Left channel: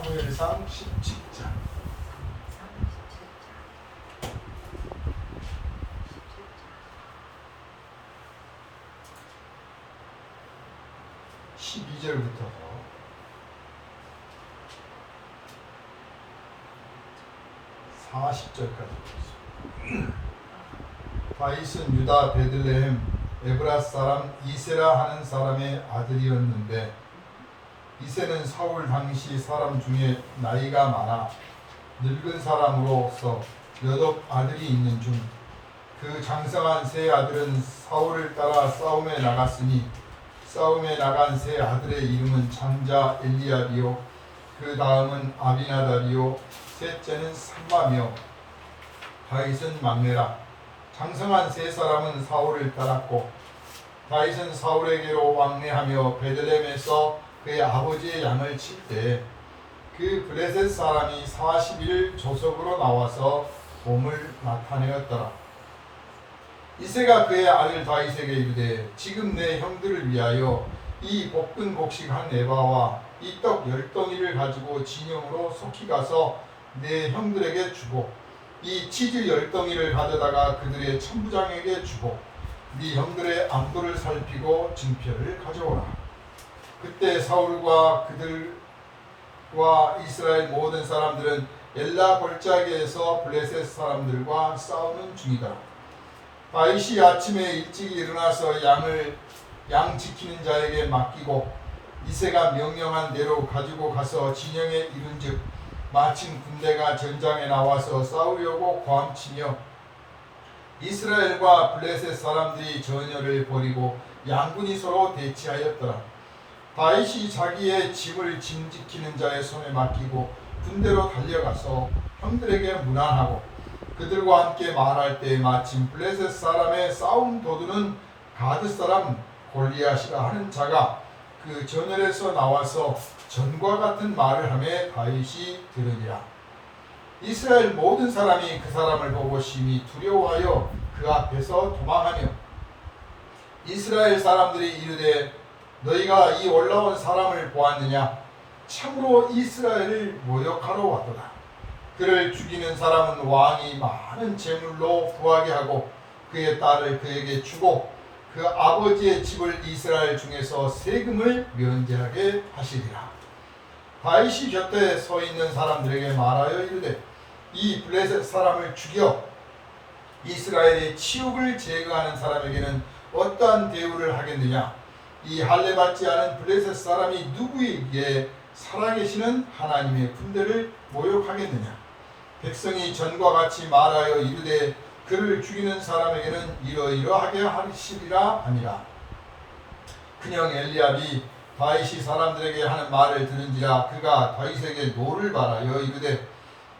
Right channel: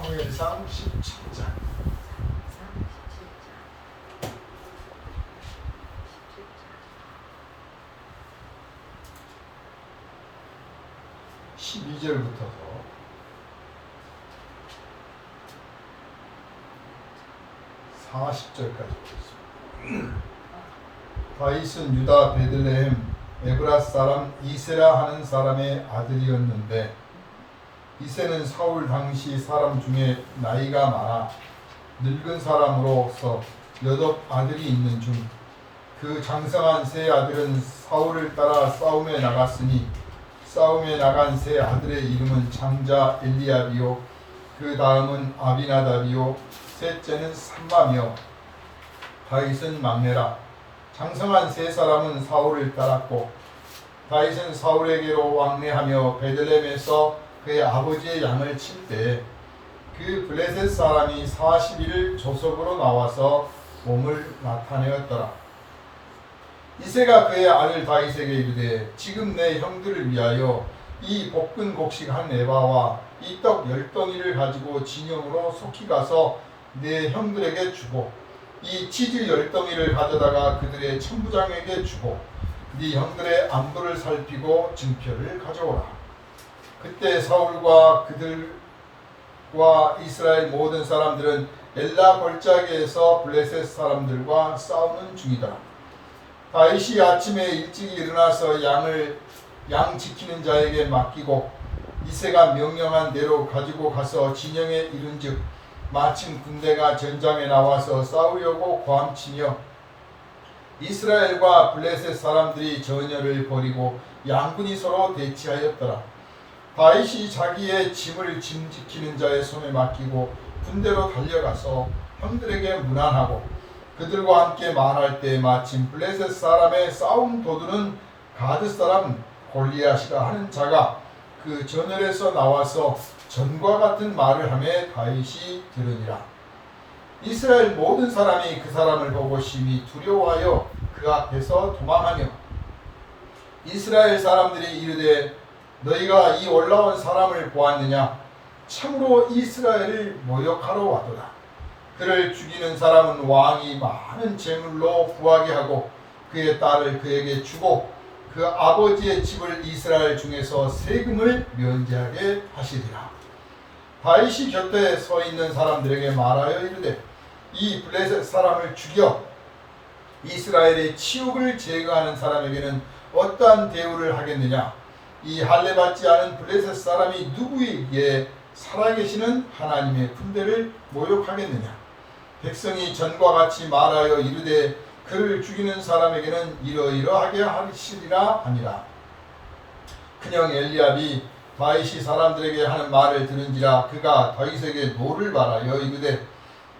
사무엘상 17장 12절부터서 40절까지 보겠습니다. 다윗은 유다 베들레헴 에브라 사람 이세라 하는 사람의 아들이었는데, 이세는 사울 당시 사람 중에 나이가 많아 늙은 사람으로서 8 아들이 있는 중 그 장성한 세 아들은 사울을 따라 싸움에 나갔으니, 싸움에 나간 세 아들의 이름은 장자 엘리압이요, 그 다음은 아비나답이요, 셋째는 삼마며, 다윗은 막내라. 장성한 세 사람은 사울을 따랐고, 다윗은 사울에게로 왕래하며 베들레헴에서 그의 아버지의 양을 칠 때 그 블레셋 사람이 40일 조석으로 나와서 몸을 나타내었더라. 이새가 그의 아들 다윗에게 이르되, 지금 내 형들을 위하여 이 볶은 곡식 한 에바와 이 떡 10덩이를 가지고 진영으로 속히 가서 내 형들에게 주고, 이 치즈 10덩이를 가져다가 그들의 천부장에게 주고, 네 형들의 안부를 살피고 증표를 가져오라. 그때 사울과 그들과 이스라엘 모든 사람들은 엘라 골짜기에서 블레셋 사람들과 싸우는 중이다. 다윗이 아침에 일찍 일어나서 양 지키는 자에게 맡기고, 이새가 명령한 대로 가지고 가서 진영에 이른즉, 마침 군대가 전장에 나와서 싸우려고 고함치며 이스라엘과 블레셋 사람들이 전열을 벌이고 양군이 서로 대치하였더라. 다윗이 자기의 짐을 짐지키는 자의 손에 맡기고 군대로 달려가서 형들에게 문안하고 그들과 함께 말할 때, 마침 블레셋 사람의 싸움 도두는 가드 사람 골리앗이라 하는 자가 그 전열에서 나와서 전과 같은 말을 하며 다윗이 들으니라. 이스라엘 모든 사람이 그 사람을 보고 심히 두려워하여 그 앞에서 도망하며, 이스라엘 사람들이 이르되, 너희가 이 올라온 사람을 보았느냐? 참으로 이스라엘을 모욕하러 왔도다. 그를 죽이는 사람은 왕이 많은 재물로 구하게 하고 그의 딸을 그에게 주고 그 아버지의 집을 이스라엘 중에서 세금을 면제하게 하시리라. 다윗이 곁에 서 있는 사람들에게 말하여 이르되, 이 블레셋 사람을 죽여 이스라엘의 치욕을 제거하는 사람에게는 어떠한 대우를 하겠느냐? 이 할례받지 않은 블레셋 사람이 누구에게 살아계시는 하나님의 군대를 모욕하겠느냐? 백성이 전과 같이 말하여 이르되, 그를 죽이는 사람에게는 이러이러하게 하시리라 하니라. 그녕 엘리압이 다윗이 사람들에게 하는 말을 들은지라 그가 다윗에게 노를 바라여 이르되,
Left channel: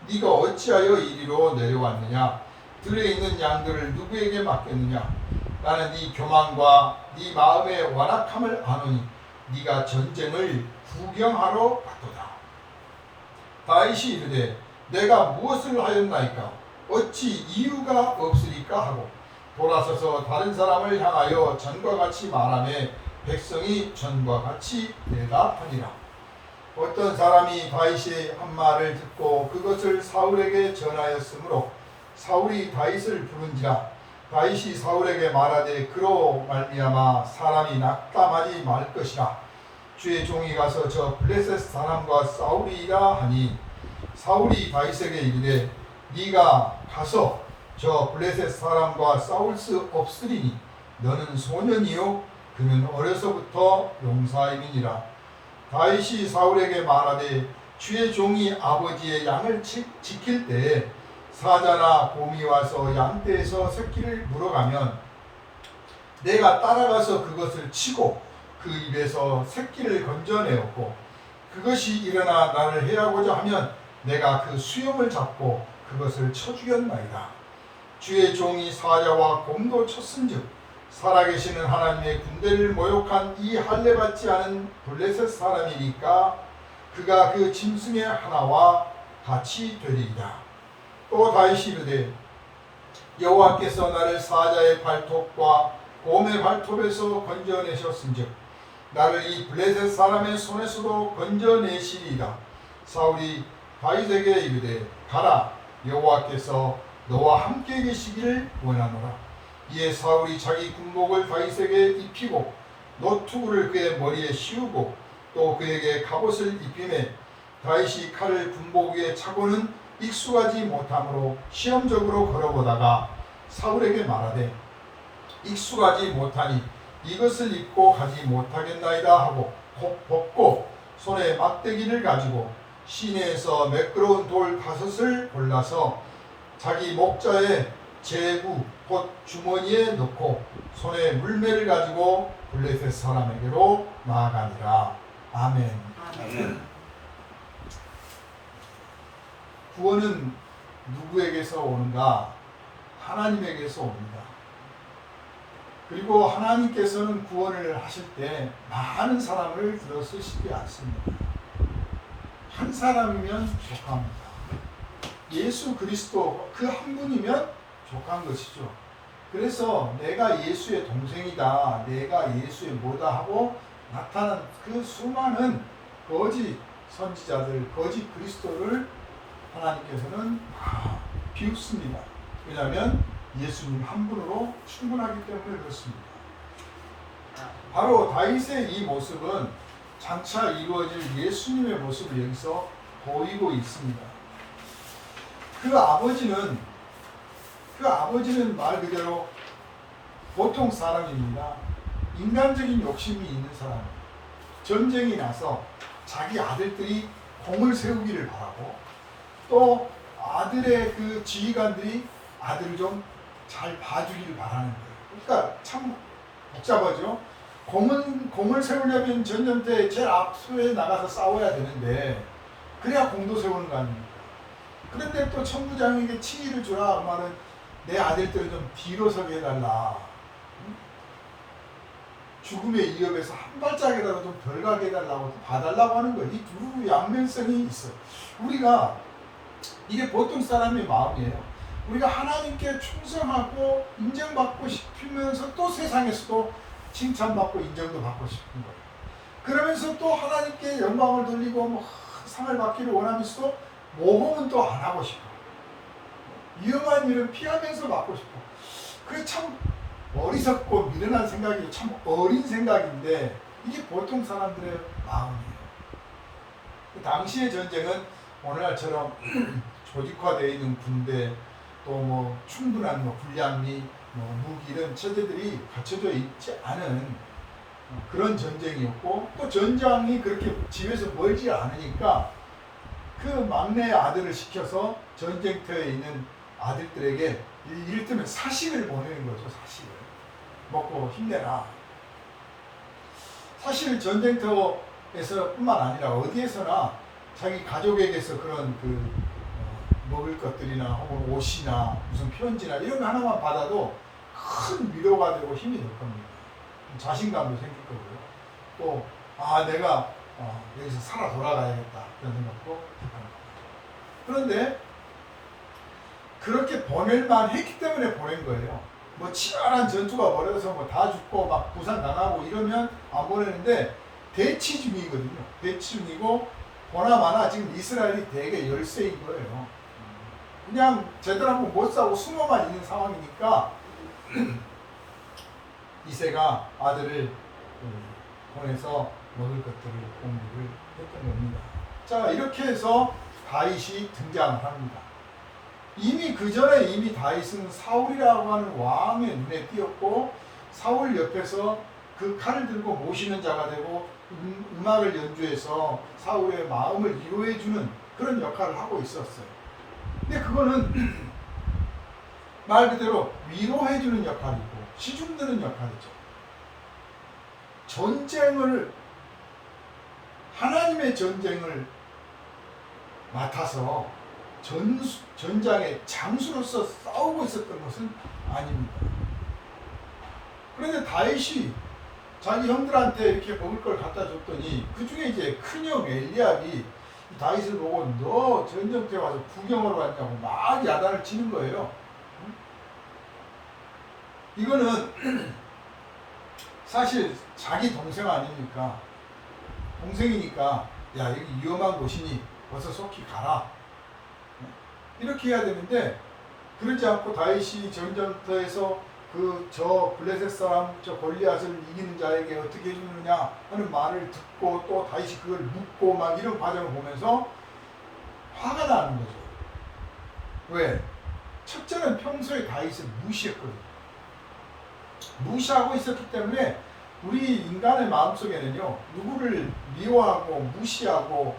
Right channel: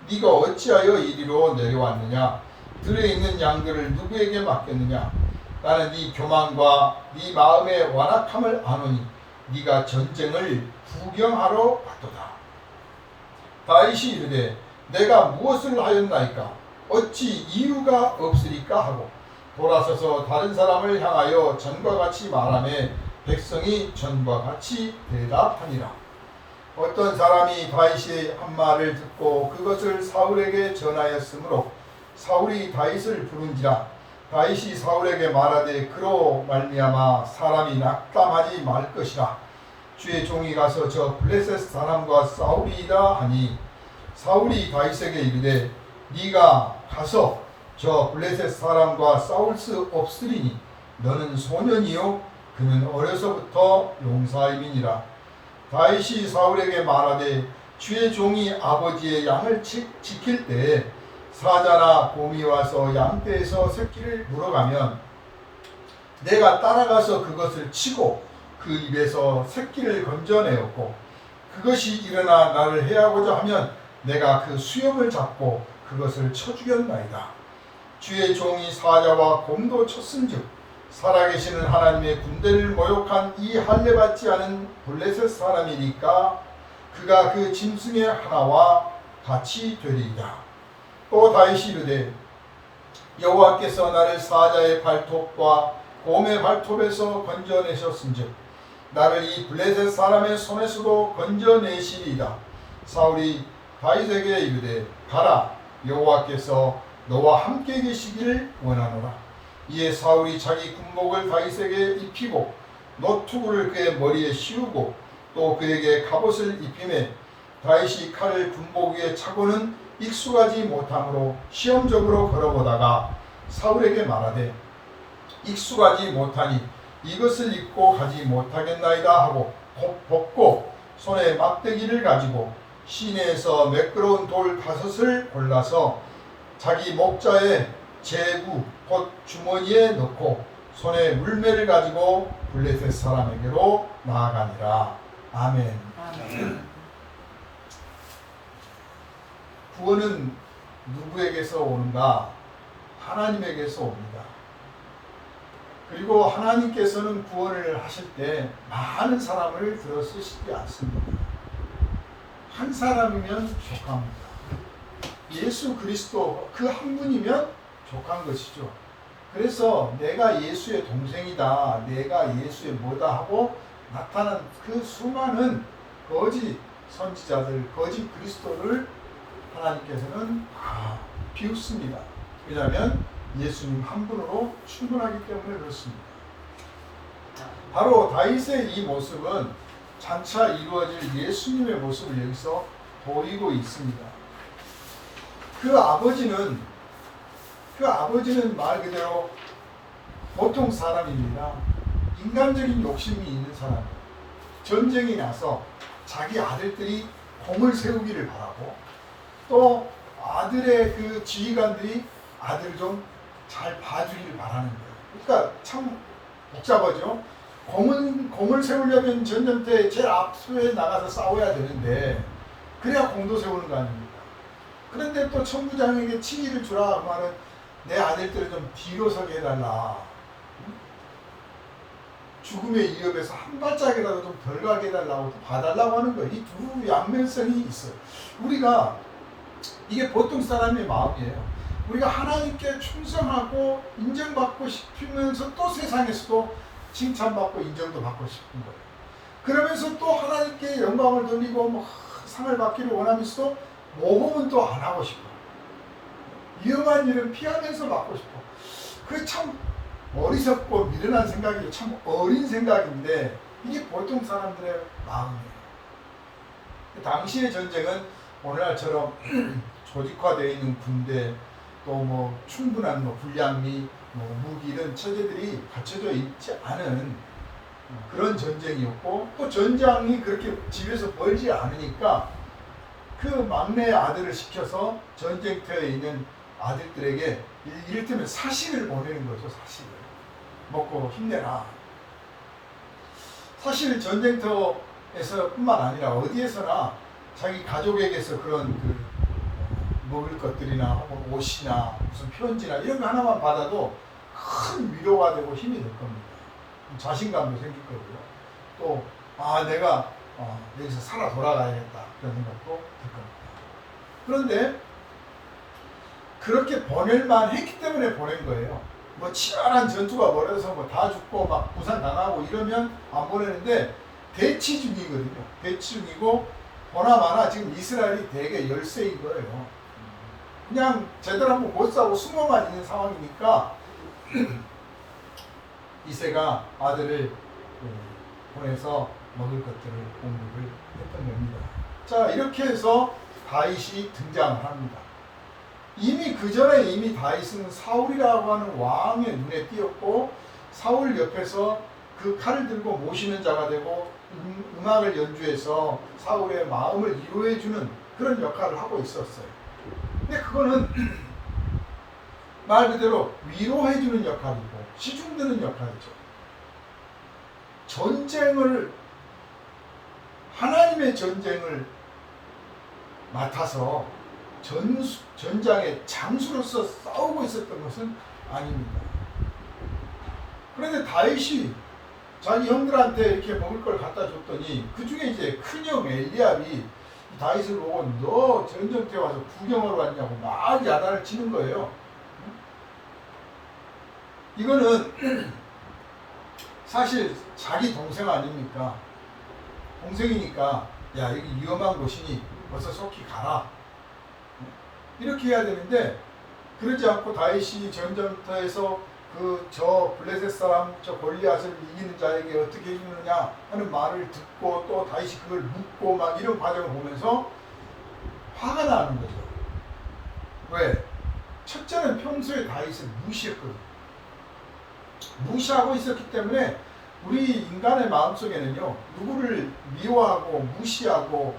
네가 어찌하여 이리로 내려왔느냐? 들에 있는 양들을 누구에게 맡겼느냐? 나는 네 교만과 네 마음의 완악함을 아노니 네가 전쟁을 구경하러 왔도다. 다윗이 이르되, 내가 무엇을 하였나이까? 어찌 이유가 없으리까? 하고 돌아서서 다른 사람을 향하여 전과 같이 말하며 백성이 전과 같이 대답하니라. 어떤 사람이 다윗의 한 말을 듣고 그것을 사울에게 전하였으므로 사울이 다윗을 부른지라. 다윗이 사울에게 말하되, 그로 말미암아 사람이 낙담하지 말 것이라. 주의 종이 가서 저 블레셋 사람과 싸우리이다 하니, 사울이 다윗에게 이르되, 네가 가서 저 블레셋 사람과 싸울 수 없으리니 너는 소년이요 그는 어려서부터 용사임이니라. 다윗이 사울에게 말하되, 주의 종이 아버지의 양을 지킬 때에 사자나 곰이 와서 양떼에서 새끼를 물어가면 내가 따라가서 그것을 치고 그 입에서 새끼를 건져내었고, 그것이 일어나 나를 해하고자 하면 내가 그 수염을 잡고 그것을 쳐 죽였나이다. 주의 종이 사자와 곰도 쳤은즉 살아계시는 하나님의 군대를 모욕한 이 할례받지 않은 블레셋 사람이니까 그가 그 짐승의 하나와 같이 되리이다. 또 다윗이 이르되, 여호와께서 나를 사자의 발톱과 곰의 발톱에서 건져내셨은즉 나를 이 블레셋 사람의 손에서도 건져내시리이다. 사울이 다윗에게 이르되 가라, 여호와께서 너와 함께 계시기를 원하노라. 이에 사울이 자기 군복을 다윗에게 입히고 노투구를 그의 머리에 씌우고 또 그에게 갑옷을 입히매 다윗이 칼을 군복 위에 차고는 익숙하지 못함으로 시험적으로 걸어보다가 사울에게 말하되 익숙하지 못하니 이것을 입고 가지 못하겠나이다 하고 벗고 손에 막대기를 가지고 시내에서 매끄러운 돌 5을 골라서 자기 목자의 제구 곧 주머니에 넣고 손에 물매를 가지고 블레셋 사람에게로 나아가니라. 아멘. 구원은 누구에게서 오는가? 하나님에게서 옵니다. 그리고 하나님께서는 구원을 하실 때 많은 사람을 들어 쓰시지 않습니다. 한 사람이면 족합니다. 예수 그리스도 그 한 분이면 족한 것이죠. 그래서 내가 예수의 동생이다, 내가 예수의 뭐다 하고 나타난 그 수많은 거짓 선지자들, 거짓 그리스도를 하나님께서는 비웃습니다. 왜냐하면 예수님 한 분으로 충분하기 때문에 그렇습니다. 바로 다윗의 이 모습은 장차 이루어질 예수님의 모습을 여기서 보이고 있습니다. 그 아버지는 말 그대로 보통 사람입니다. 인간적인 욕심이 있는 사람이에요. 전쟁이 나서 자기 아들들이 공을 세우기를 바라고 또 아들의 그 지휘관들이 아들을 좀 잘 봐주기를 바라는 거예요. 그러니까 참 복잡하죠. 공을 세우려면 전쟁터에 제일 앞서에 나가서 싸워야 되는데 그래야 공도 세우는 거 아닙니까? 그런데 또 천부장에게 칭의를 주라 하면은 내 아들들을 좀 뒤로 서게 해달라. 죽음의 위협에서 한 발짝이라도 좀 덜 가게 해달라고 봐달라고 하는 거예요. 이 두 양면성이 있어요. 우리가 이게 보통 사람의 마음이에요. 우리가 하나님께 충성하고 인정받고 싶으면서 또 세상에서도 칭찬받고 인정도 받고 싶은 거예요. 그러면서 또 하나님께 영광을 돌리고 뭐 상을 받기를 원하면서도 모험은 또 안 하고 싶어. 위험한 일은 피하면서 받고 싶어. 그게 참 어리석고 미련한 생각이죠. 참 어린 생각인데 이게 보통 사람들의 마음이에요. 당시의 전쟁은 오늘날처럼 조직화되어 있는 군대 또 뭐 충분한 뭐 군량미 뭐 무기 이런 체제들이 갖춰져 있지 않은 그런 전쟁이었고 또 전장이 그렇게 집에서 멀지 않으니까 그 막내 아들을 시켜서 전쟁터에 있는 아들들에게 이를테면 사식을 보내는 거죠. 사식을 먹고 힘내라. 사실 전쟁터에서 뿐만 아니라 어디에서나 자기 가족에게서 그런 그 먹을 것들이나 혹은 옷이나 무슨 편지나 이런 거 하나만 받아도 큰 위로가 되고 힘이 될 겁니다. 자신감도 생길 거고요. 또 내가 여기서 살아 돌아가야겠다 그런 생각도 들 겁니다. 그런데 그렇게 보낼만 했기 때문에 보낸 거예요. 뭐 치열한 전투가 벌어져서 뭐 다 죽고 막 부산 당하고 이러면 안 보내는데 대치 중이거든요. 대치 중이고 보나마나 지금 이스라엘이 되게 열세인 거예요. 그냥 제대로 한번 못 사고 숨어만 있는 상황이니까 이새가 아들을 보내서 먹을 것들을 공급을 했던 겁니다. 자, 이렇게 해서 다윗이 등장을 합니다. 이미 그 전에 다윗은 사울이라고 하는 왕의 눈에 띄었고 사울 옆에서 그 칼을 들고 모시는 자가 되고 음악을 연주해서 사울의 마음을 위로해주는 그런 역할을 하고 있었어요. 근데 그거는 말 그대로 위로해주는 역할이고 시중드는 역할이죠. 하나님의 전쟁을 맡아서 전장의 장수로서 싸우고 있었던 것은 아닙니다. 그런데 다윗이 자기 형들한테 이렇게 먹을 걸 갖다 줬더니 그 중에 이제 큰형 엘리압이 다윗을 보고 너 전쟁터에 와서 구경하러 왔냐고 막 야단을 치는 거예요. 이거는 사실 자기 동생 아닙니까? 동생이니까 야 여기 위험한 곳이니 어서 속히 가라. 이렇게 해야 되는데 그러지 않고 다윗이 전쟁터에서 저 블레셋 사람 저 골리앗을 이기는 자에게 어떻게 해주느냐 하는 말을 듣고 또 다윗이 그걸 묻고 막 이런 과정을 보면서 화가 나는 거죠. 왜? 첫째는 평소에 다윗을 무시했거든요. 무시하고 있었기 때문에 우리 인간의 마음속에는요, 누구를 미워하고 무시하고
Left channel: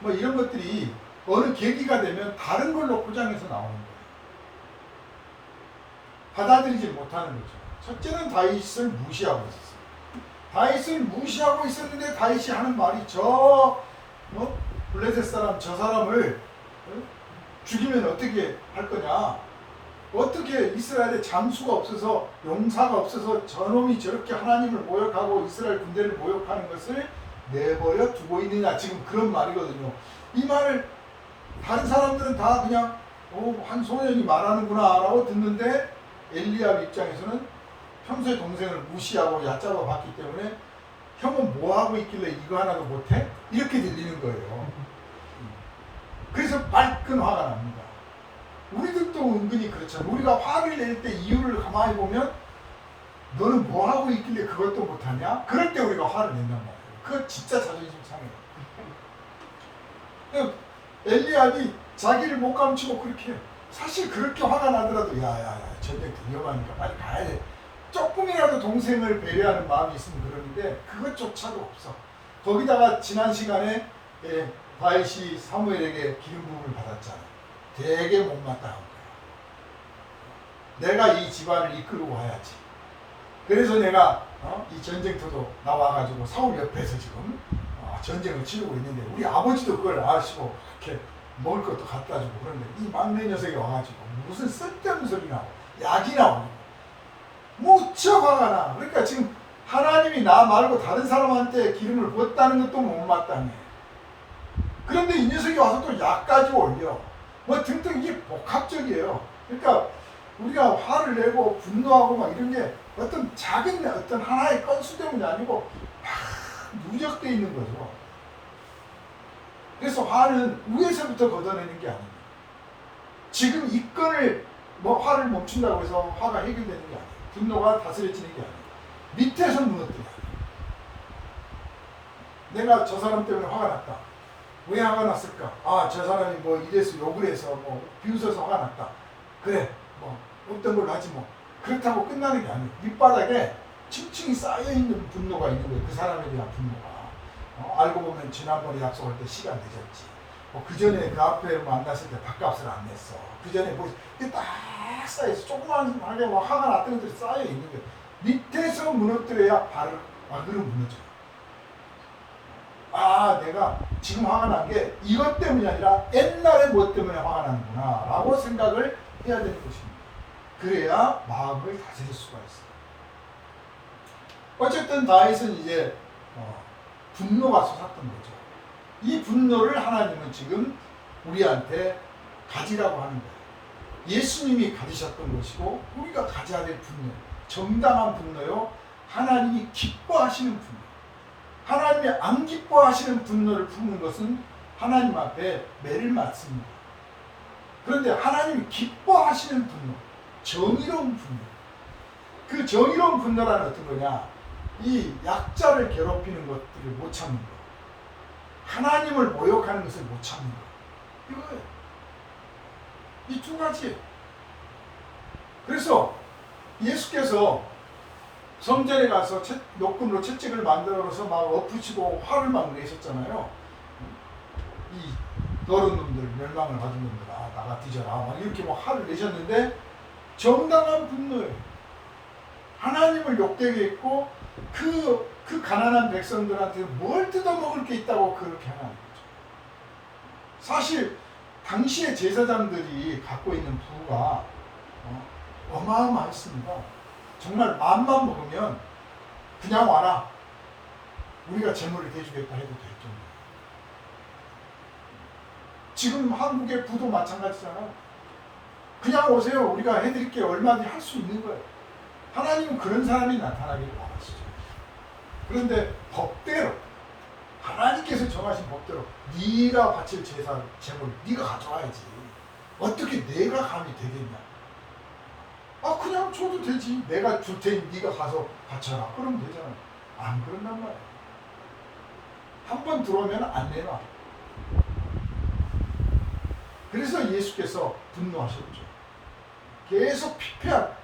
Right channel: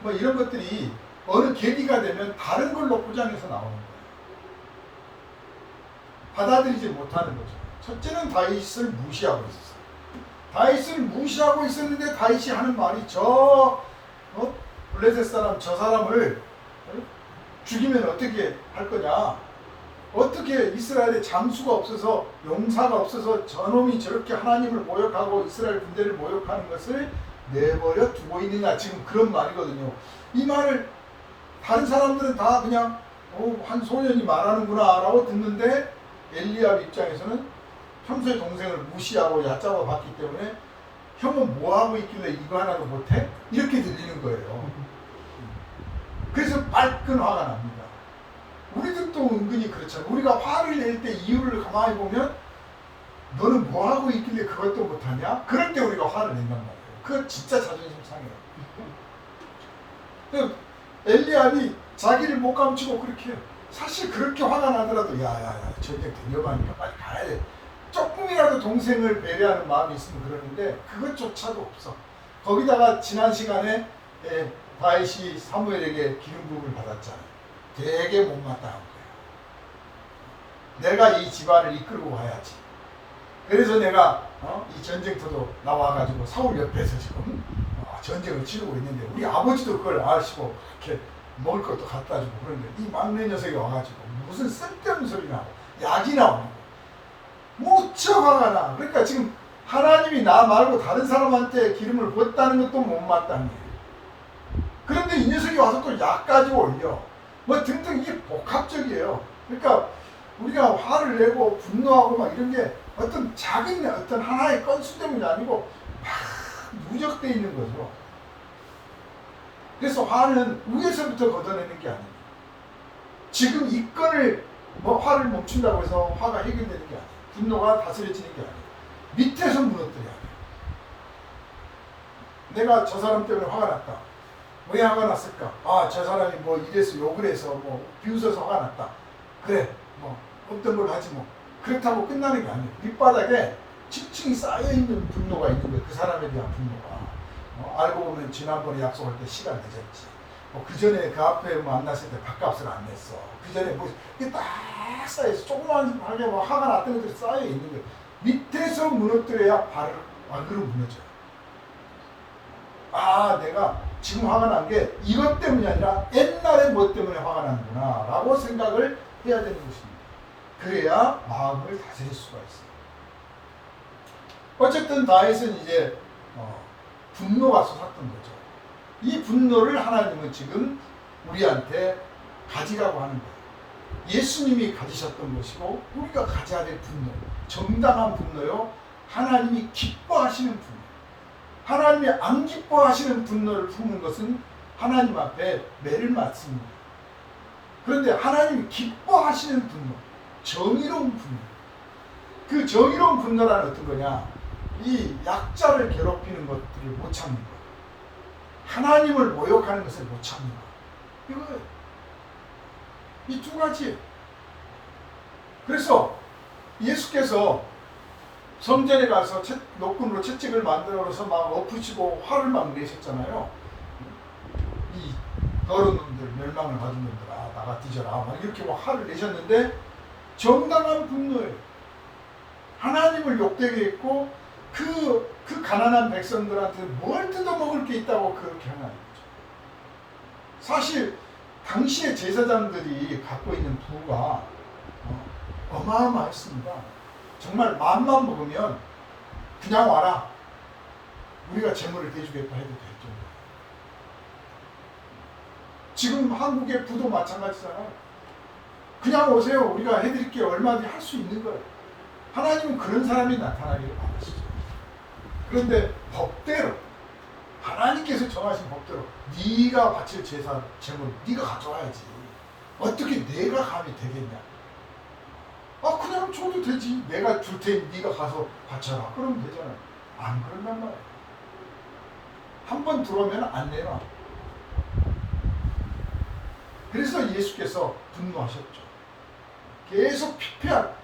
뭐 이런 것들이 어느 계기가 되면 다른 걸로 포장해서 나오는 거예요. 받아들이지 못하는 거죠. 첫째는 다윗을 무시하고 있었어요. 다윗을 무시하고 있었는데 다윗이 하는 말이 블레셋 사람 저 사람을 죽이면 어떻게 할 거냐? 어떻게 이스라엘에 장수가 없어서 용사가 없어서 저놈이 저렇게 하나님을 모욕하고 이스라엘 군대를 모욕하는 것을 내버려 두고 있느냐? 지금 그런 말이거든요. 이 말을 다른 사람들은 다 그냥 한 소년이 말하는구나 라고 듣는데 엘리압 입장에서는 평소에 동생을 무시하고 얕잡아 봤기 때문에 형은 뭐하고 있길래 이거 하나도 못해? 이렇게 들리는 거예요. 그래서 말끔 화가 납니다. 우리들도 은근히 그렇잖아요. 우리가 화를 낼 때 이유를 가만히 보면 너는 뭐하고 있길래 그것도 못하냐? 그럴 때 우리가 화를 낸단 말이에요. 그거 진짜 자존심 상해요. 엘리압이 자기를 못 감추고 그렇게 사실 그렇게 화가 나더라도 야야야 전쟁 위험하니까 빨리 가야 돼. 조금이라도 동생을 배려하는 마음이 있으면 그러는데 그것조차도 없어. 거기다가 지난 시간에 다윗이 사무엘에게 기름 부음을 받았잖아요. 되게 못마땅한 거예요. 내가 이 집안을 이끌고 가야지. 그래서 내가 이 전쟁터도 나와가지고 사울 옆에서 지금 전쟁을 치르고 있는데 우리 아버지도 그걸 아시고 이렇게 먹을 것도 갖다 주고 그런데 이 막내 녀석이 와가지고 무슨 쓸데없는 소리 나고 약이 나오고 무척 화가 나. 그러니까 지금 하나님이 나 말고 다른 사람한테 기름을 부었다는 것도 못마땅해. 그런데 이 녀석이 와서 또 약까지 올려. 뭐 등등 이게 복합적이에요. 그러니까 우리가 화를 내고 분노하고 막 이런 게 어떤 작은 어떤 하나의 건수 때문이 아니고 막 누적되어 있는 거죠. 그래서 화는 위에서부터 걷어내는 게 아닙니다. 지금 이 건을 화를 멈춘다고 해서 화가 해결되는 게 아니에요. 분노가 다스려지는 게 아니에요. 밑에서 무너뜨려야 돼요. 내가 저 사람 때문에 화가 났다. 왜 화가 났을까? 저 사람이 이래서 욕을 해서 비웃어서 화가 났다. 그래, 어떤 걸 하지 그렇다고 끝나는 게 아니에요. 밑바닥에 층층이 쌓여있는 분노가 있는 거예요. 그 사람에 대한 분노가. 알고 보면 지난번에 약속할 때 시간 늦었지. 그 전에 그 앞에 만났을 때 밥값을 안 냈어. 그 전에 이게 딱 쌓여서 조그만하게 화가 났던 것들이 쌓여있는 거예요. 밑에서 무너뜨려야 발으로 무너져요. 내가 지금 화가 난 게 이것 때문이 아니라 옛날에 뭐 때문에 화가 나는구나 라고 생각을 해야 되는 것입니다. 그래야 마음을 다스릴 수가 있어요. 어쨌든 다윗은 이제 분노가 솟았던 거죠. 이 분노를 하나님은 지금 우리한테 가지라고 하는 거예요. 예수님이 가지셨던 것이고 우리가 가져야 될 분노, 정당한 분노요. 하나님이 기뻐하시는 분노. 하나님이 안 기뻐하시는 분노를 품는 것은 하나님 앞에 매를 맞습니다. 그런데 하나님이 기뻐하시는 분노, 정의로운 분노. 그 정의로운 분노란 어떤 거냐? 이 약자를 괴롭히는 것들을 못 참는 것. 하나님을 모욕하는 것을 못 참는 것. 이거예요. 이 두 가지. 그래서 예수께서 성전에 가서 노끈으로 채찍을 만들어서 막 엎으시고 화를 막 내셨잖아요. 이 더러운 놈들, 멸망을 가진 놈들아, 나가 뒤져라. 막 이렇게 화를 내셨는데 정당한 분노예요. 하나님을 욕되게 했고 그 가난한 백성들한테 뭘 뜯어먹을 게 있다고 그렇게 하는 거죠. 사실 당시의 제사장들이 갖고 있는 부가 어마어마했습니다. 정말 마음만 먹으면 그냥 와라. 우리가 재물을 대주겠다 해도 될 정도. 지금 한국의 부도 마찬가지잖아요. 그냥 오세요. 우리가 해드릴게요. 얼마든지 할 수 있는 거예요. 하나님은 그런 사람이 나타나기를 바라시죠. 그런데 법대로 하나님께서 정하신 법대로 네가 바칠 제사 제물 네가 가져와야지. 어떻게 내가 감히 되겠냐? 그냥 줘도 되지. 내가 줄 테니 네가 가서 바쳐라. 그러면 되잖아요. 안 그런단 말이야. 한 번 들어오면 안 내놔. 그래서 예수께서 분노하셨죠. 계속 피폐한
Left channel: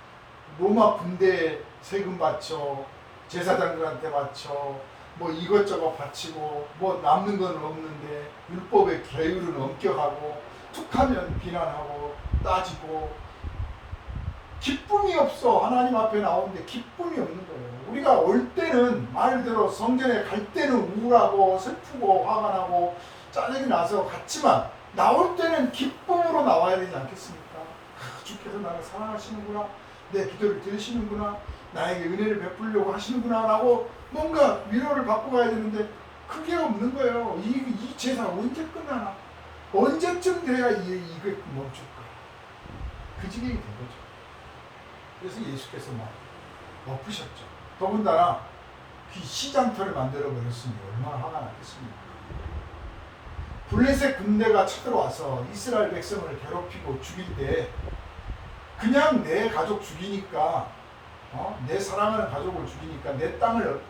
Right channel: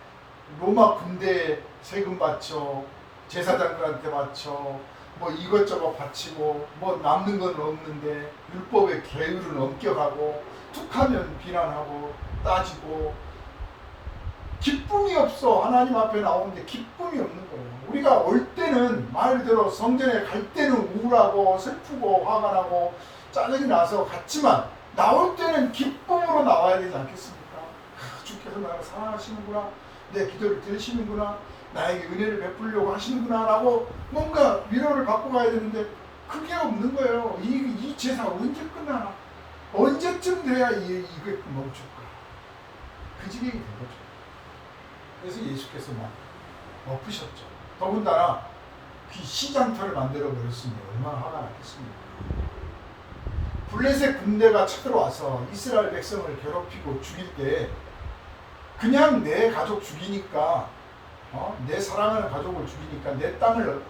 로마 군대에 세금 바쳐, 제사장들한테 바쳐, 뭐 이것저것 바치고, 뭐 남는 건 없는데 율법의 계율은 엄격하고, 툭하면 비난하고 따지고, 기쁨이 없어. 하나님 앞에 나오는데 기쁨이 없는 거예요. 우리가 올 때는 말대로 성전에 갈 때는 우울하고 슬프고 화가 나고 짜증이 나서 갔지만 나올 때는 기쁨으로 나와야 되지 않겠습니까? 주께서 나를 사랑하시는구나, 내 기도를 들으시는구나, 나에게 은혜를 베풀려고 하시는구나 라고 뭔가 위로를 받고 가야 되는데 그게 없는 거예요. 이 제사 언제 끝나나? 언제쯤 돼야 이게 멈출까? 그 지경이 된 거죠. 그래서 예수께서 막 엎으셨죠. 더군다나 그 시장터를 만들어 버렸으니 얼마나 화가 났겠습니까? 블레셋 군대가 쳐들어와서 이스라엘 백성을 괴롭히고 죽일 때 그냥 내 가족 죽이니까, 내 사랑하는 가족을 죽이니까, 내 땅을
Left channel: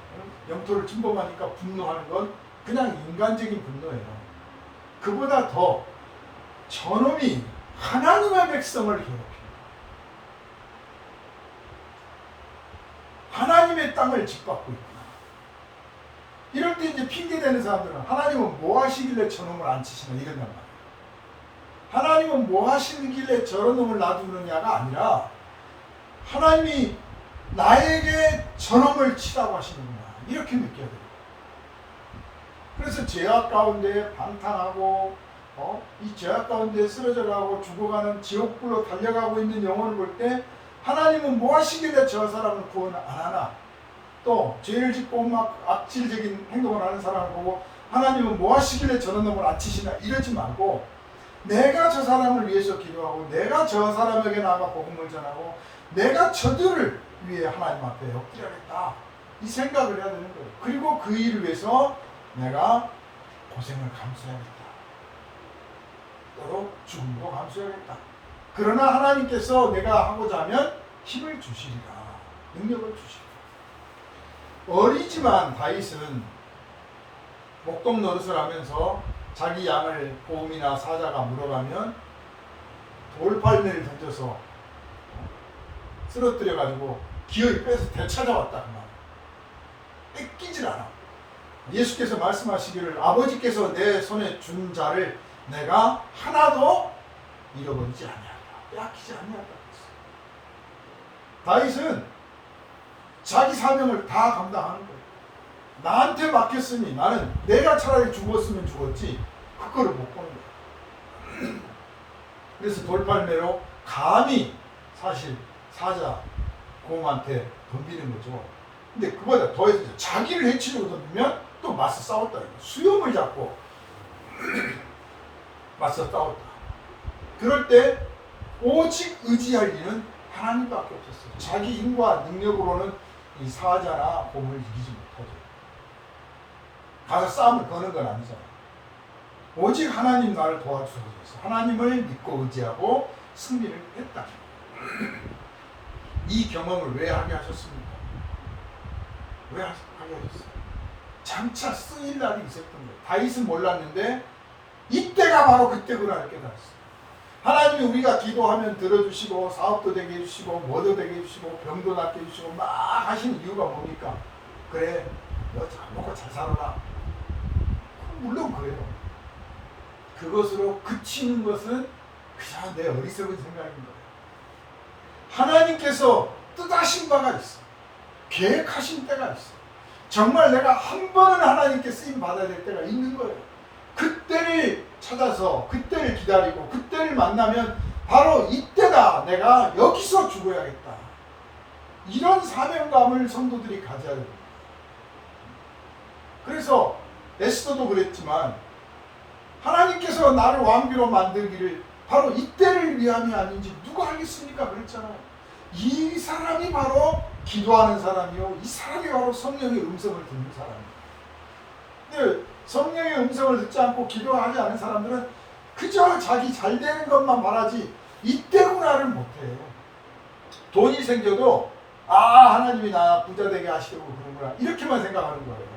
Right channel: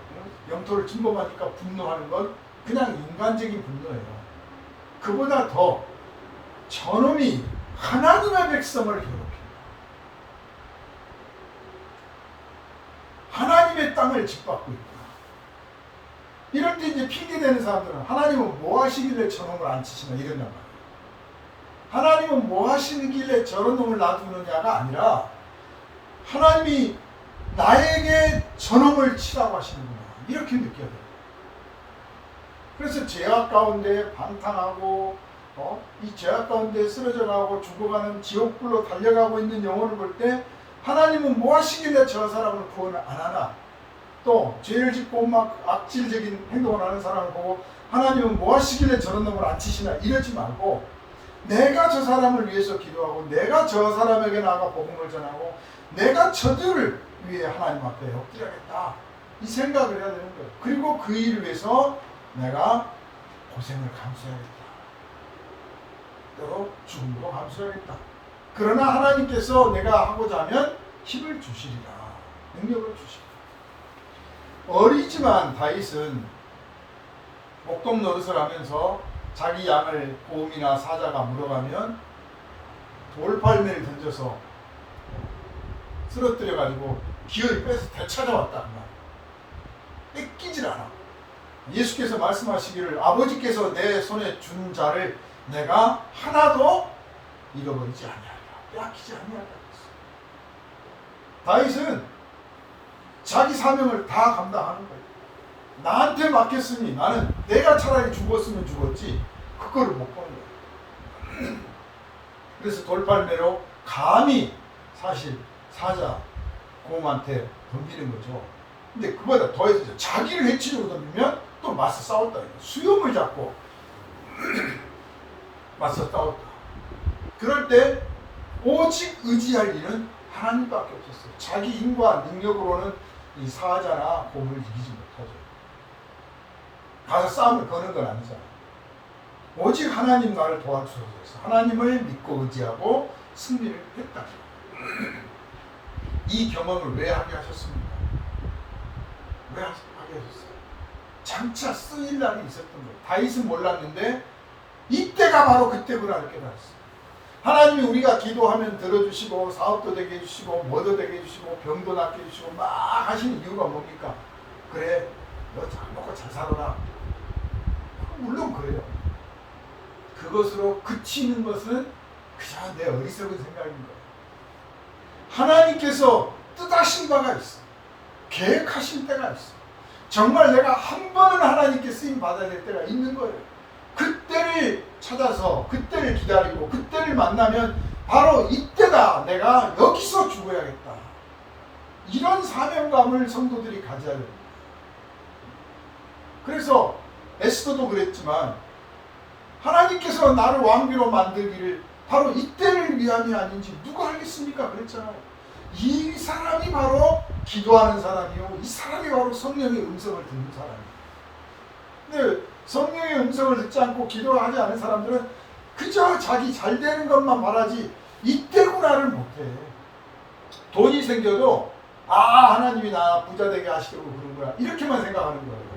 영토를 침범하니까 분노하는 건 그냥 인간적인 분노예요. 그보다 더 저놈이 하나님의 백성을 괴롭힙니다. 하나님의 땅을 짓밟고 있구나. 이럴 때 이제 핑계대는 사람들은 하나님은 뭐 하시길래 저놈을 안 치시나 이런단 말이에요. 하나님은 뭐 하시길래 저런 놈을 놔두느냐가 아니라 하나님이 나에게 저놈을 치라고 하시는구나 이렇게 느껴야 돼요. 그래서 죄악 가운데 방탕하고 이 죄악 가운데 쓰러져가고 죽어가는 지옥불로 달려가고 있는 영혼을 볼 때 하나님은 뭐 하시길래 저 사람을 구원 안 하나? 또 죄를 짓고 막 악질적인 행동을 하는 사람을 보고 하나님은 뭐 하시길래 저런 놈을 안 치시나 이러지 말고 내가 저 사람을 위해서 기도하고 내가 저 사람에게 나가 복음을 전하고 내가 저들을 위해 하나님 앞에 엎드려야겠다 이 생각을 해야 되는 거예요. 그리고 그 일을 위해서 내가 고생을 감수해야겠다. 때로 죽음으로 감수해야겠다. 그러나 하나님께서 내가 하고자 하면 힘을 주시리라. 능력을 주시리라. 어리지만 다윗은 목동 노릇을 하면서 자기 양을 곰이나 사자가 물어가면 돌팔매를 던져서 쓰러뜨려가지고 기어이 빼서 되찾아왔다. 뺏기질 않아. 예수께서 말씀하시기를 아버지께서 내 손에 준 자를 내가 하나도 잃어버리지 아니하리라. 빼앗기지 아니하리라. 다윗은 자기 사명을 다 감당하는 거예요. 나한테 맡겼으니 나는 내가 차라리 죽었으면 죽었지 그거를 못 보는 거예요. 그래서 돌팔매로 감히 사실 사자 곰한테 덤비는 거죠. 근데 그보다 더해서 자기를 해치려고 덤비면 또 맞서 싸웠다. 수염을 잡고 맞서 싸웠다. 그럴 때 오직 의지할 일은 하나님밖에 없었어요. 자기 힘과 능력으로는 이 사자나 곰을 이기지 못하죠. 가서 싸움을 거는 건 아니잖아요. 오직 하나님 나를 도와주소서 해서 하나님을 믿고 의지하고 승리를 했다. 이 경험을 왜 하게 하셨습니까? 왜 하게 하셨어요? 장차 쓰일 날이 있었던 거예요. 다윗은 몰랐는데 이때가 바로 그때구나 깨달았어요. 하나님이 우리가 기도하면 들어주시고 사업도 되게 해주시고 뭐도 되게 해주시고 병도 낫게 해주시고 막 하시는 이유가 뭡니까? 그래 너 잘 먹고 잘 살아라. 물론 그래요. 그것으로 그치는 것은 그냥 내 어리석은 생각인 거예요. 하나님께서 뜻하신 바가 있어요. 계획하신 때가 있어요. 정말 내가 한 번은 하나님께 쓰임 받아야 될 때가 있는 거예요. 그때를 찾아서 그때를 기다리고 그때를 만나면 바로 이때다. 내가 여기서 죽어야겠다. 이런 사명감을 성도들이 가져야 됩니다. 그래서 에스더도 그랬지만 하나님께서 나를 왕비로 만들기를 바로 이때를 위함이 아닌지 누가 알겠습니까? 그랬잖아요. 이 사람이 바로 기도하는 사람이요. 이 사람이 바로 성령의 음성을 듣는 사람이에요. 근데 성령의 음성을 듣지 않고 기도하지 않은 사람들은 그저 자기 잘 되는 것만 말하지 이때구나를 못해. 돈이 생겨도 하나님이 나 부자 되게 하시려고 그런구나 이렇게만 생각하는 거예요.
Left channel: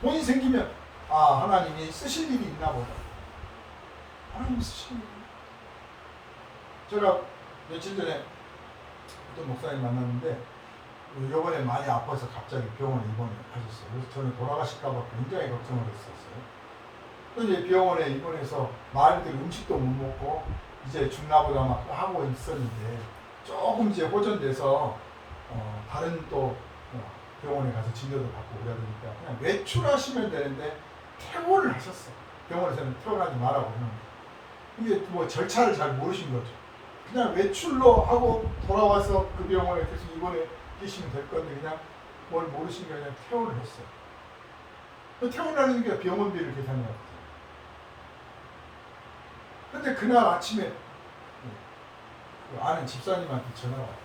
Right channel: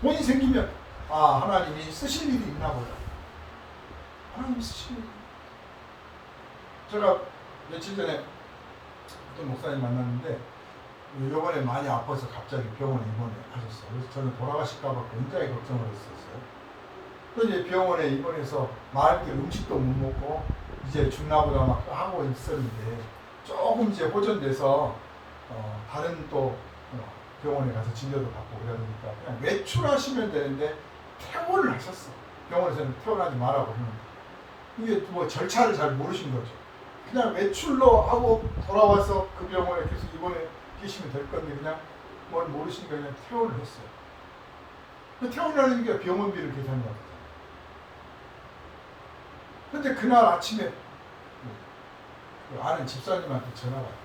돈이 생기면 하나님이 쓰실 일이 있나 보다. 하나님이 쓰실 일이. 제가 며칠 전에 어떤 목사님 만났는데 요번에 많이 아파서 갑자기 병원 입원하셨어요. 그래서 저는 돌아가실까 봐 굉장히 걱정을 했었어요. 또 이제 병원에 입원해서 마음대로 음식도 못 먹고 이제 죽나보다 막 하고 있었는데 조금 이제 호전돼서 다른 또 병원에 가서 진료도 받고 그래야 되니까 그냥 외출하시면 되는데 퇴원을 하셨어. 병원에서는 퇴원하지 말라고 했는데 이게 뭐 절차를 잘 모르신 거죠. 그냥 외출로 하고 돌아와서 그 병원에 계속 입원해 계시면 될 건데 그냥 뭘 모르시니까 그냥 퇴원을 했어. 퇴원을 하니까 병원비를 계산해야 돼. 근데 그날 아침에 아는 집사님한테 전화가 왔대.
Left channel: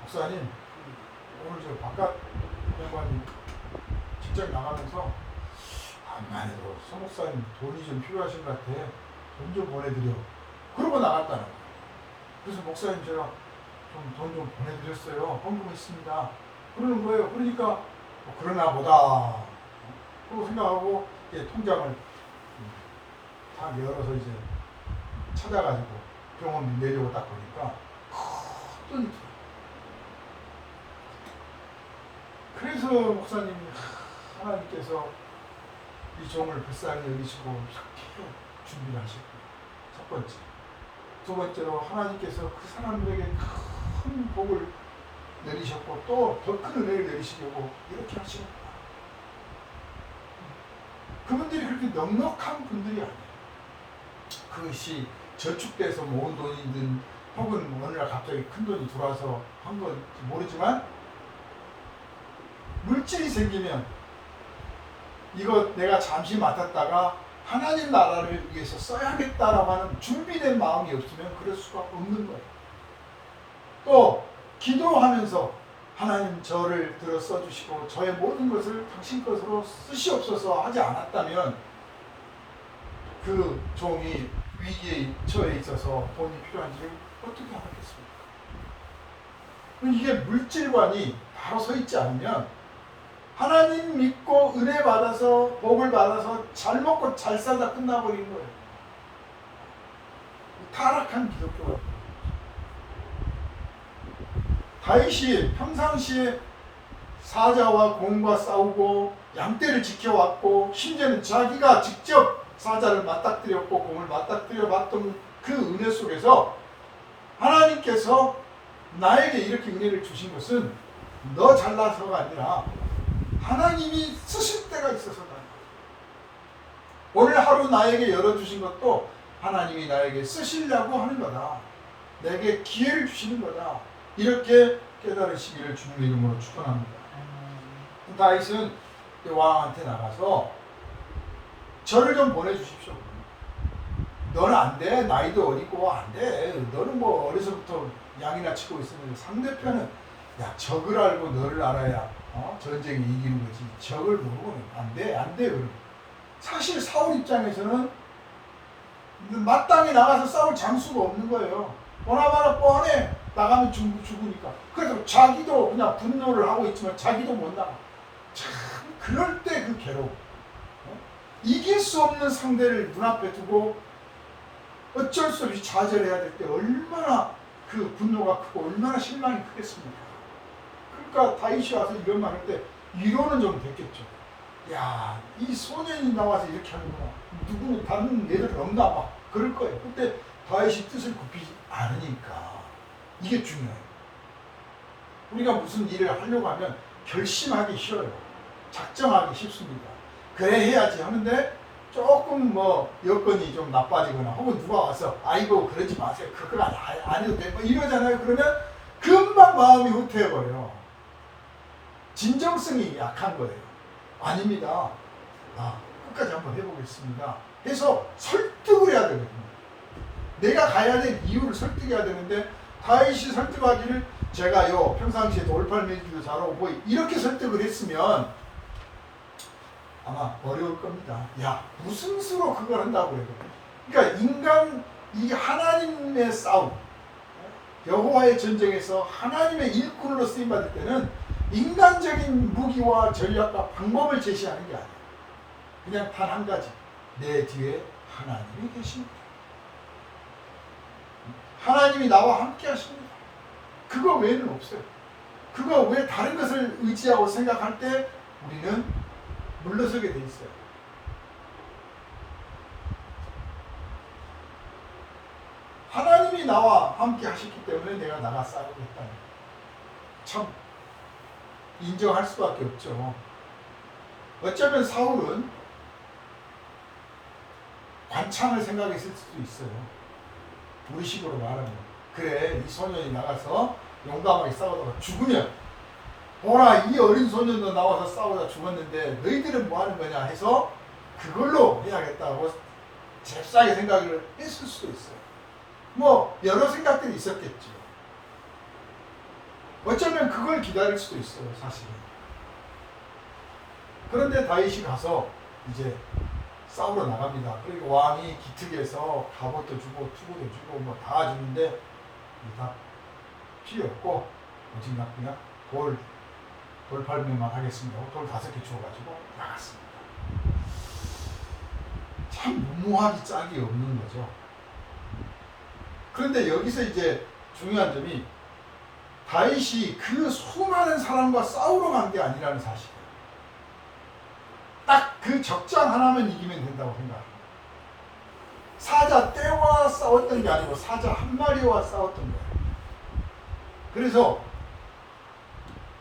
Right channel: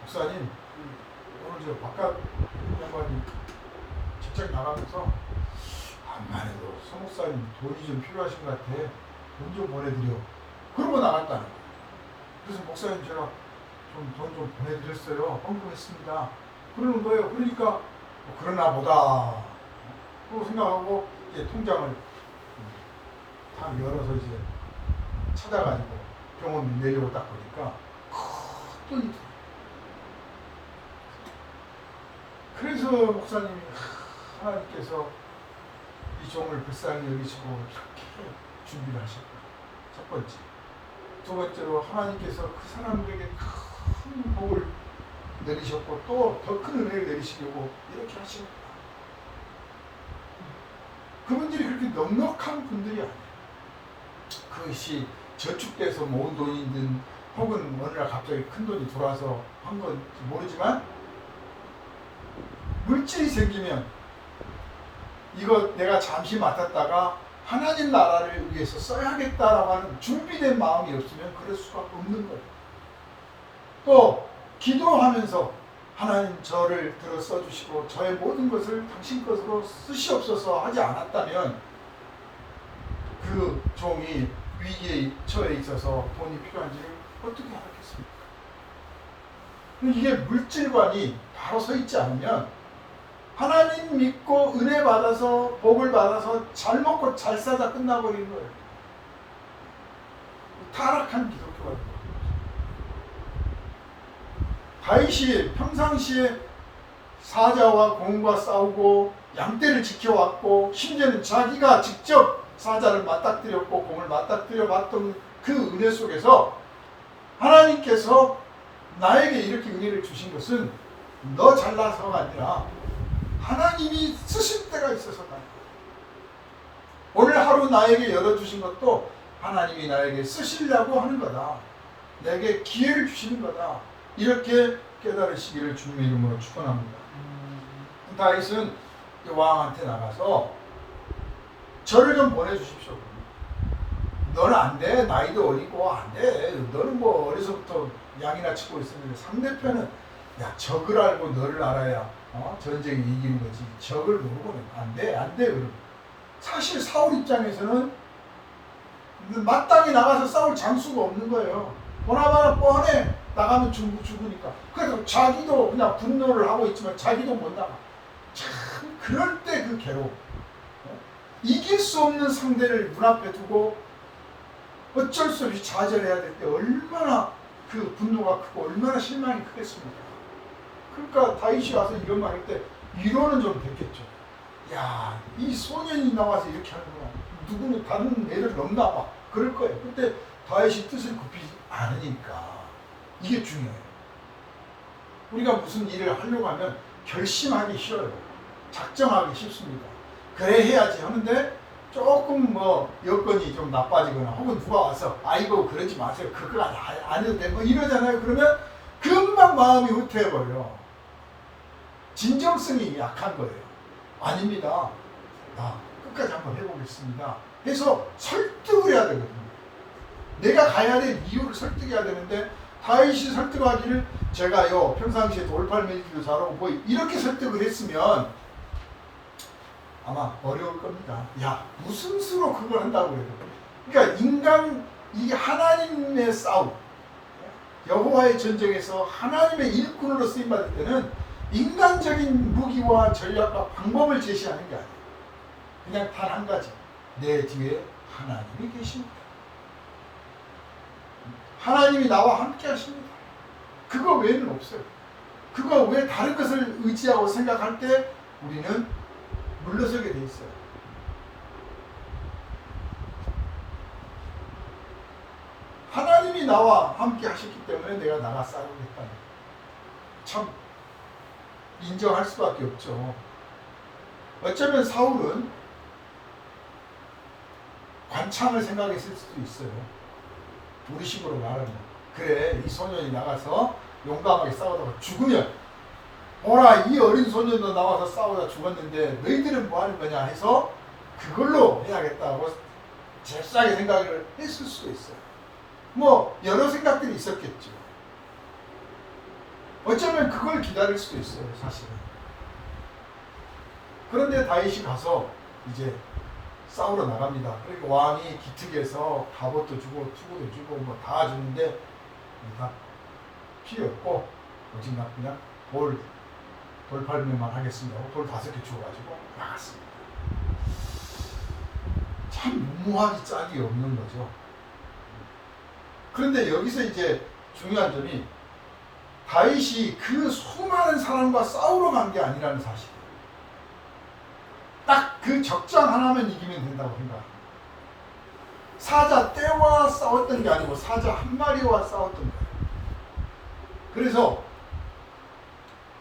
목사님, 오늘 저 바깥 양반이 직장 나가면서 안만 해도 소 목사님 돈이 좀 필요하신 것 같아. 돈 좀 보내드려. 그러고 나갔다는 거야. 그래서 목사님 제가 좀 돈 좀 보내드렸어요. 헌금했습니다. 그러는 거예요. 그러니까 그러나 보다. 그러고 생각하고 이제 통장을 다 열어서 이제 찾아가지고 병원 내려고 딱 보니까 큰 돈이. 그래서 목사님이 하나님께서 이 종을 불쌍히 여기시고 이렇게 준비를 하셨고, 첫 번째. 두 번째로 하나님께서 그 사람들에게 큰 복을 내리셨고 또 더 큰 은혜를 내리시려고 이렇게 하십니다. 그분들이 그렇게 넉넉한 분들이 아니에요. 그것이 저축돼서 모은 돈이든 혹은 어느 날 갑자기 큰 돈이 들어와서 한 건지 모르지만 물질이 생기면 이거 내가 잠시 맡았다가 하나님 나라를 위해서 써야겠다라고 하는 준비된 마음이 없으면 그럴 수가 없는 거예요. 또 기도하면서 하나님 저를 들어 써주시고 저의 모든 것을 당신 것으로 쓰시옵소서 하지 않았다면 그 종이 위기에 처해 있어서 돈이 필요한지를 어떻게 알았겠습니까? 이게 물질관이 바로 서 있지 않으면 하나님 믿고 은혜 받아서 복을 받아서 잘 먹고 잘 살다 끝나버리는 거예요. 타락한 기독교가 있는 거예요. 다윗이 평상시에 사자와 공과 싸우고 양떼를 지켜왔고 심지어는 자기가 직접 사자를 맞닥뜨렸고 공을 맞닥뜨려 봤던 그 은혜 속에서 하나님께서 나에게 이렇게 은혜를 주신 것은 너 잘나서가 아니라 하나님이 쓰실 때가 있어서 말이야. 오늘 하루 나에게 열어주신 것도 하나님이 나에게 쓰시려고 하는 거다. 내게 기회를 주시는 거다. 이렇게 깨달으시기를 주님의 이름으로 축원합니다. 다윗은 왕한테 나가서 저를 좀 보내주십시오. 너는 안 돼. 나이도 어리고 안 돼. 너는 뭐 어려서부터 양이나 치고 있었는데 상대편은 적을 알고 너를 알아야 전쟁에 이기는 거지. 적을 모르고 안 돼. 안 돼. 사실 사울 입장에서는 마땅히 나가서 싸울 장수가 없는 거예요. 보나마나 뻔해. 나가면 죽으니까. 그래서 자기도 그냥 분노를 하고 있지만 자기도 못 나가. 참 그럴 때 그 괴로움. 이길 수 없는 상대를 눈앞에 두고 어쩔 수 없이 좌절해야 될 때 얼마나 그 분노가 크고 얼마나 실망이 크겠습니까? 그러니까 다윗이 와서 이런 말 할 때 위로는 좀 됐겠죠. 야, 이 소년이 나와서 이렇게 하는구나. 누구는 다른 애들 넘나 봐. 그럴 거예요. 그때 다윗이 뜻을 굽히지 않으니까. 이게 중요해요. 우리가 무슨 일을 하려고 하면 결심하기 쉬워요. 작정하기 쉽습니다. 그래 해야지 하는데 조금 뭐 여건이 좀 나빠지거나 혹은 누가 와서 아이고 그러지 마세요. 그거 안 해도 돼. 뭐 이러잖아요. 그러면 금방 마음이 후퇴해버려요. 진정성이 약한 거예요. 아닙니다. 끝까지 한번 해보겠습니다. 해서 설득을 해야 되거든요. 내가 가야 될 이유를 설득해야 되는데 다윗이 설득하기를 제가요 평상시에 돌팔 매기도 잘하고 뭐 이렇게 설득을 했으면 아마 어려울 겁니다. 야, 무슨 수로 그걸 한다고 그래요. 그러니까 인간, 이 하나님의 싸움, 여호와의 전쟁에서 하나님의 일꾼으로 쓰임받을 때는 인간적인 무기와 전략과 방법을 제시하는 게 아니에요. 그냥 단 한 가지, 내 뒤에 하나님이 계십니다. 하나님이 나와 함께 하십니다. 그거 외에는 없어요. 그거 외에 다른 것을 의지하고 생각할 때 우리는 물러서게 돼 있어요. 하나님이 나와 함께 하셨기 때문에 내가 나가 싸우겠다니, 참 인정할 수밖에 없죠. 어쩌면 사울은 관창을 생각했을 수도 있어요. 우리식으로 말하면, 그래, 이 소년이 나가서 용감하게 싸우다가 죽으면, 보라, 이 어린 소년도 나와서 싸우다 죽었는데 너희들은 뭐 하는 거냐 해서 그걸로 해야겠다고 잽싸게 생각을 했을 수도 있어요. 뭐 여러 생각들이 있었겠죠. 어쩌면 그걸 기다릴 수도 있어요, 사실은. 그런데 다윗이 가서 이제 싸우러 나갑니다. 그리고 왕이 기특해서 갑옷도 주고 투구도 주고 뭐 다 주는데 다 필요 없고, 오직 나 그냥 돌 밟으면 하겠습니다. 돌 5개 주어가지고 나갔습니다. 참 무모하기 짝이 없는 거죠. 그런데 여기서 이제 중요한 점이, 다윗이 그 수많은 사람과 싸우러 간 게 아니라는 사실이에요. 딱 그 적장 하나면 이기면 된다고 생각합니다. 사자 떼와 싸웠던 게 아니고 사자 한 마리와 싸웠던 거예요. 그래서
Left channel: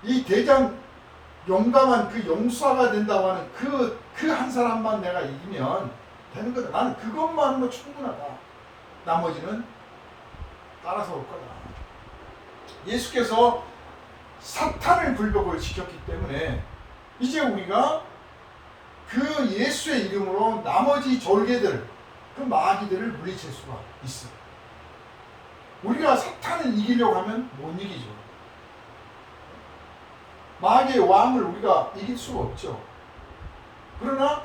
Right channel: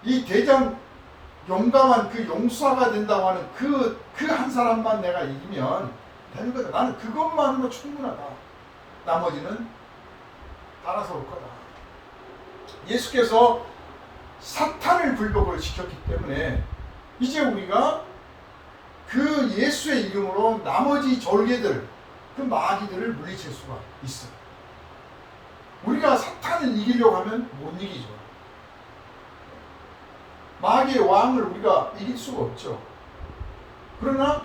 이 대장, 용감한 그 용사가 된다고 하는 그 한 사람만 내가 이기면 되는 거다. 나는 그것만으로 충분하다. 나머지는 따라서 올 거다. 예수께서 사탄을 굴복을 시켰기 때문에 이제 우리가 그 예수의 이름으로 나머지 졸개들, 그 마귀들을 물리칠 수가 있어요. 우리가 사탄을 이기려고 하면 못 이기죠. 마귀의 왕을 우리가 이길 수가 없죠. 그러나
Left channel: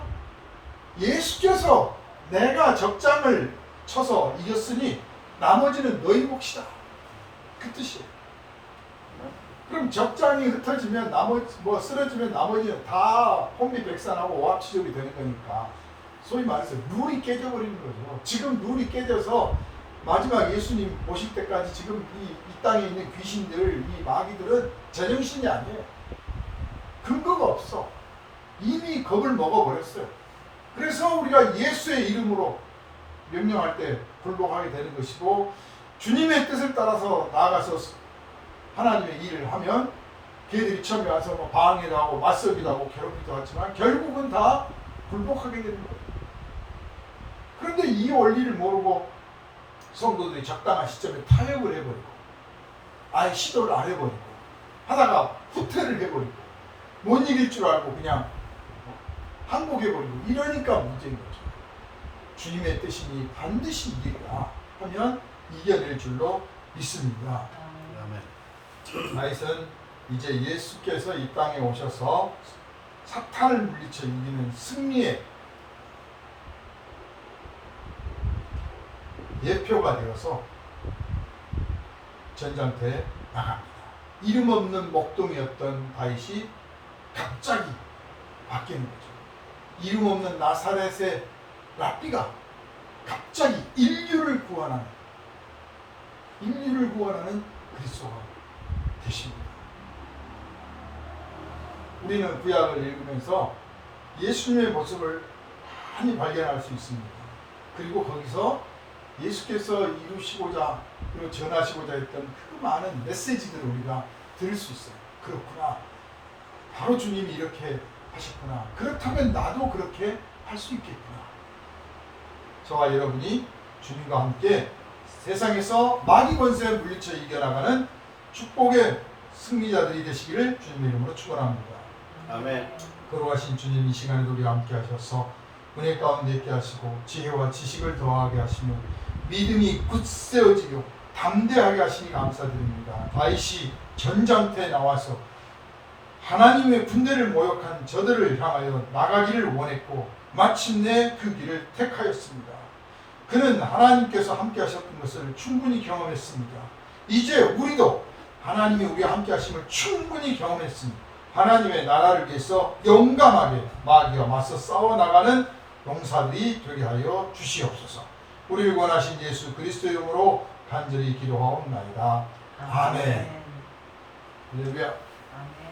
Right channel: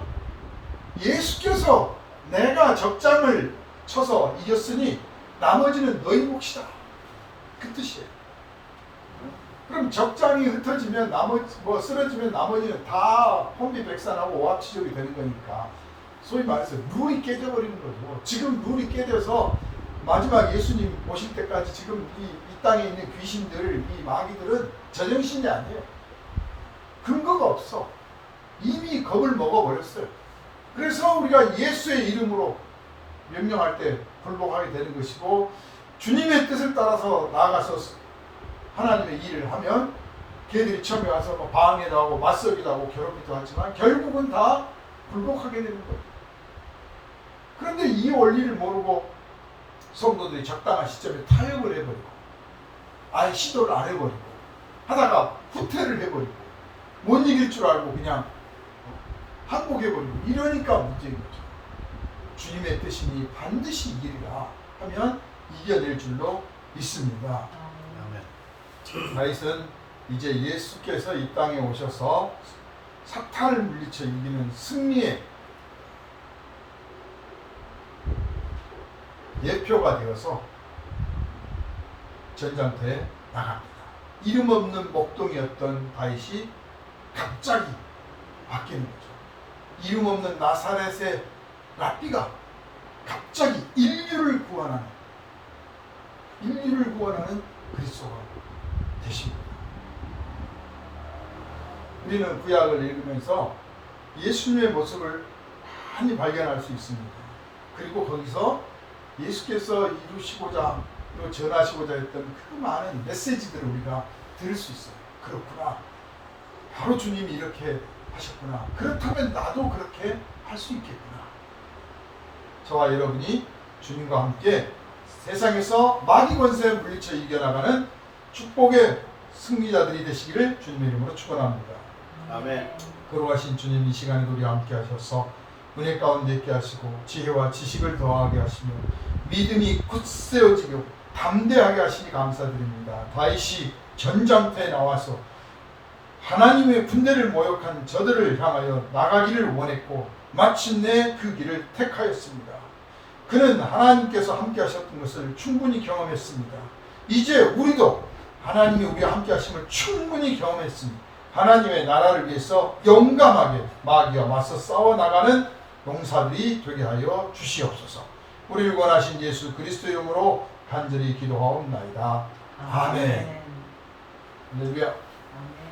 예수께서 내가 적장을 쳐서 이겼으니 나머지는 너희 몫이다, 그 뜻이에요. 그럼 적장이 흩어지면 쓰러지면 나머지는 다 혼비백산하고 오합지졸이 되는 거니까, 소위 말해서 룰이 깨져버리는 거죠. 지금 룰이 깨져서 마지막 예수님 오실 때까지 지금 이 땅에 있는 귀신들, 이 마귀들은 제정신이 아니에요. 근거가 없어. 이미 겁을 먹어버렸어요. 그래서 우리가 예수의 이름으로 명령할 때 굴복하게 되는 것이고, 주님의 뜻을 따라서 나아가서 하나님의 일을 하면 걔들이 처음에 와서 뭐 방해도 하고 맞서기도 하고 괴롭히기도 하지만 결국은 다 굴복하게 되는 거예요. 그런데 이 원리를 모르고 성도들이 적당한 시점에 타협을 해버리고, 아예 시도를 안 해버리고, 하다가 후퇴를 해버리고, 못 이길 줄 알고 그냥 항복해버리고, 이러니까 문제인 거죠. 주님의 뜻이니 반드시 이기리라 하면 이겨낼 줄로 믿습니다. 다윗은 이제 예수께서 이 땅에 오셔서 사탄을 물리쳐 이기는 승리의 예표가 되어서 전장터에 나갑니다. 이름 없는 목동이었던 다윗이 갑자기 바뀌는 거죠. 이름 없는 나사렛의 랍비가 갑자기 인류를 구원하는 그리스도가 되십니다. 우리는 구약을 읽으면서 예수님의 모습을 많이 발견할 수 있습니다. 그리고 거기서 예수께서 이루시고자 그리고 전하시고자 했던 그 많은 메시지들을 우리가 들을 수 있어요. 그렇구나, 바로 주님이 이렇게 하셨구나, 그렇다면 나도 그렇게 할 수 있겠구나. 저와 여러분이 주님과 함께 세상에서 마귀 권세를 물리쳐 이겨나가는 축복의 승리자들이 되시기를 주님의 이름으로 축원합니다. 아멘. 거룩하신 주님, 이 시간에도 우리와 함께 하셔서 은혜 가운데 있게 하시고 지혜와 지식을 더하게 하시며 믿음이 굳세어지고 담대하게 하시니 감사드립니다. 다윗이 전장터에 나와서 하나님의 군대를 모욕한 저들을 향하여 나가기를 원했고 마침내 그 길을 택하였습니다. 그는 하나님께서 함께 하셨던 것을 충분히 경험했습니다. 이제 우리도 하나님이 우리와 함께 하심을 충분히 경험했으니 하나님의 나라를 위해서 용감하게 마귀와 맞서 싸워나가는 용사들이 되게 하여 주시옵소서. 우리를 원하신 예수 그리스도의 이름으로 간절히 기도하옵나이다. 아멘. 할렐루야. 아멘.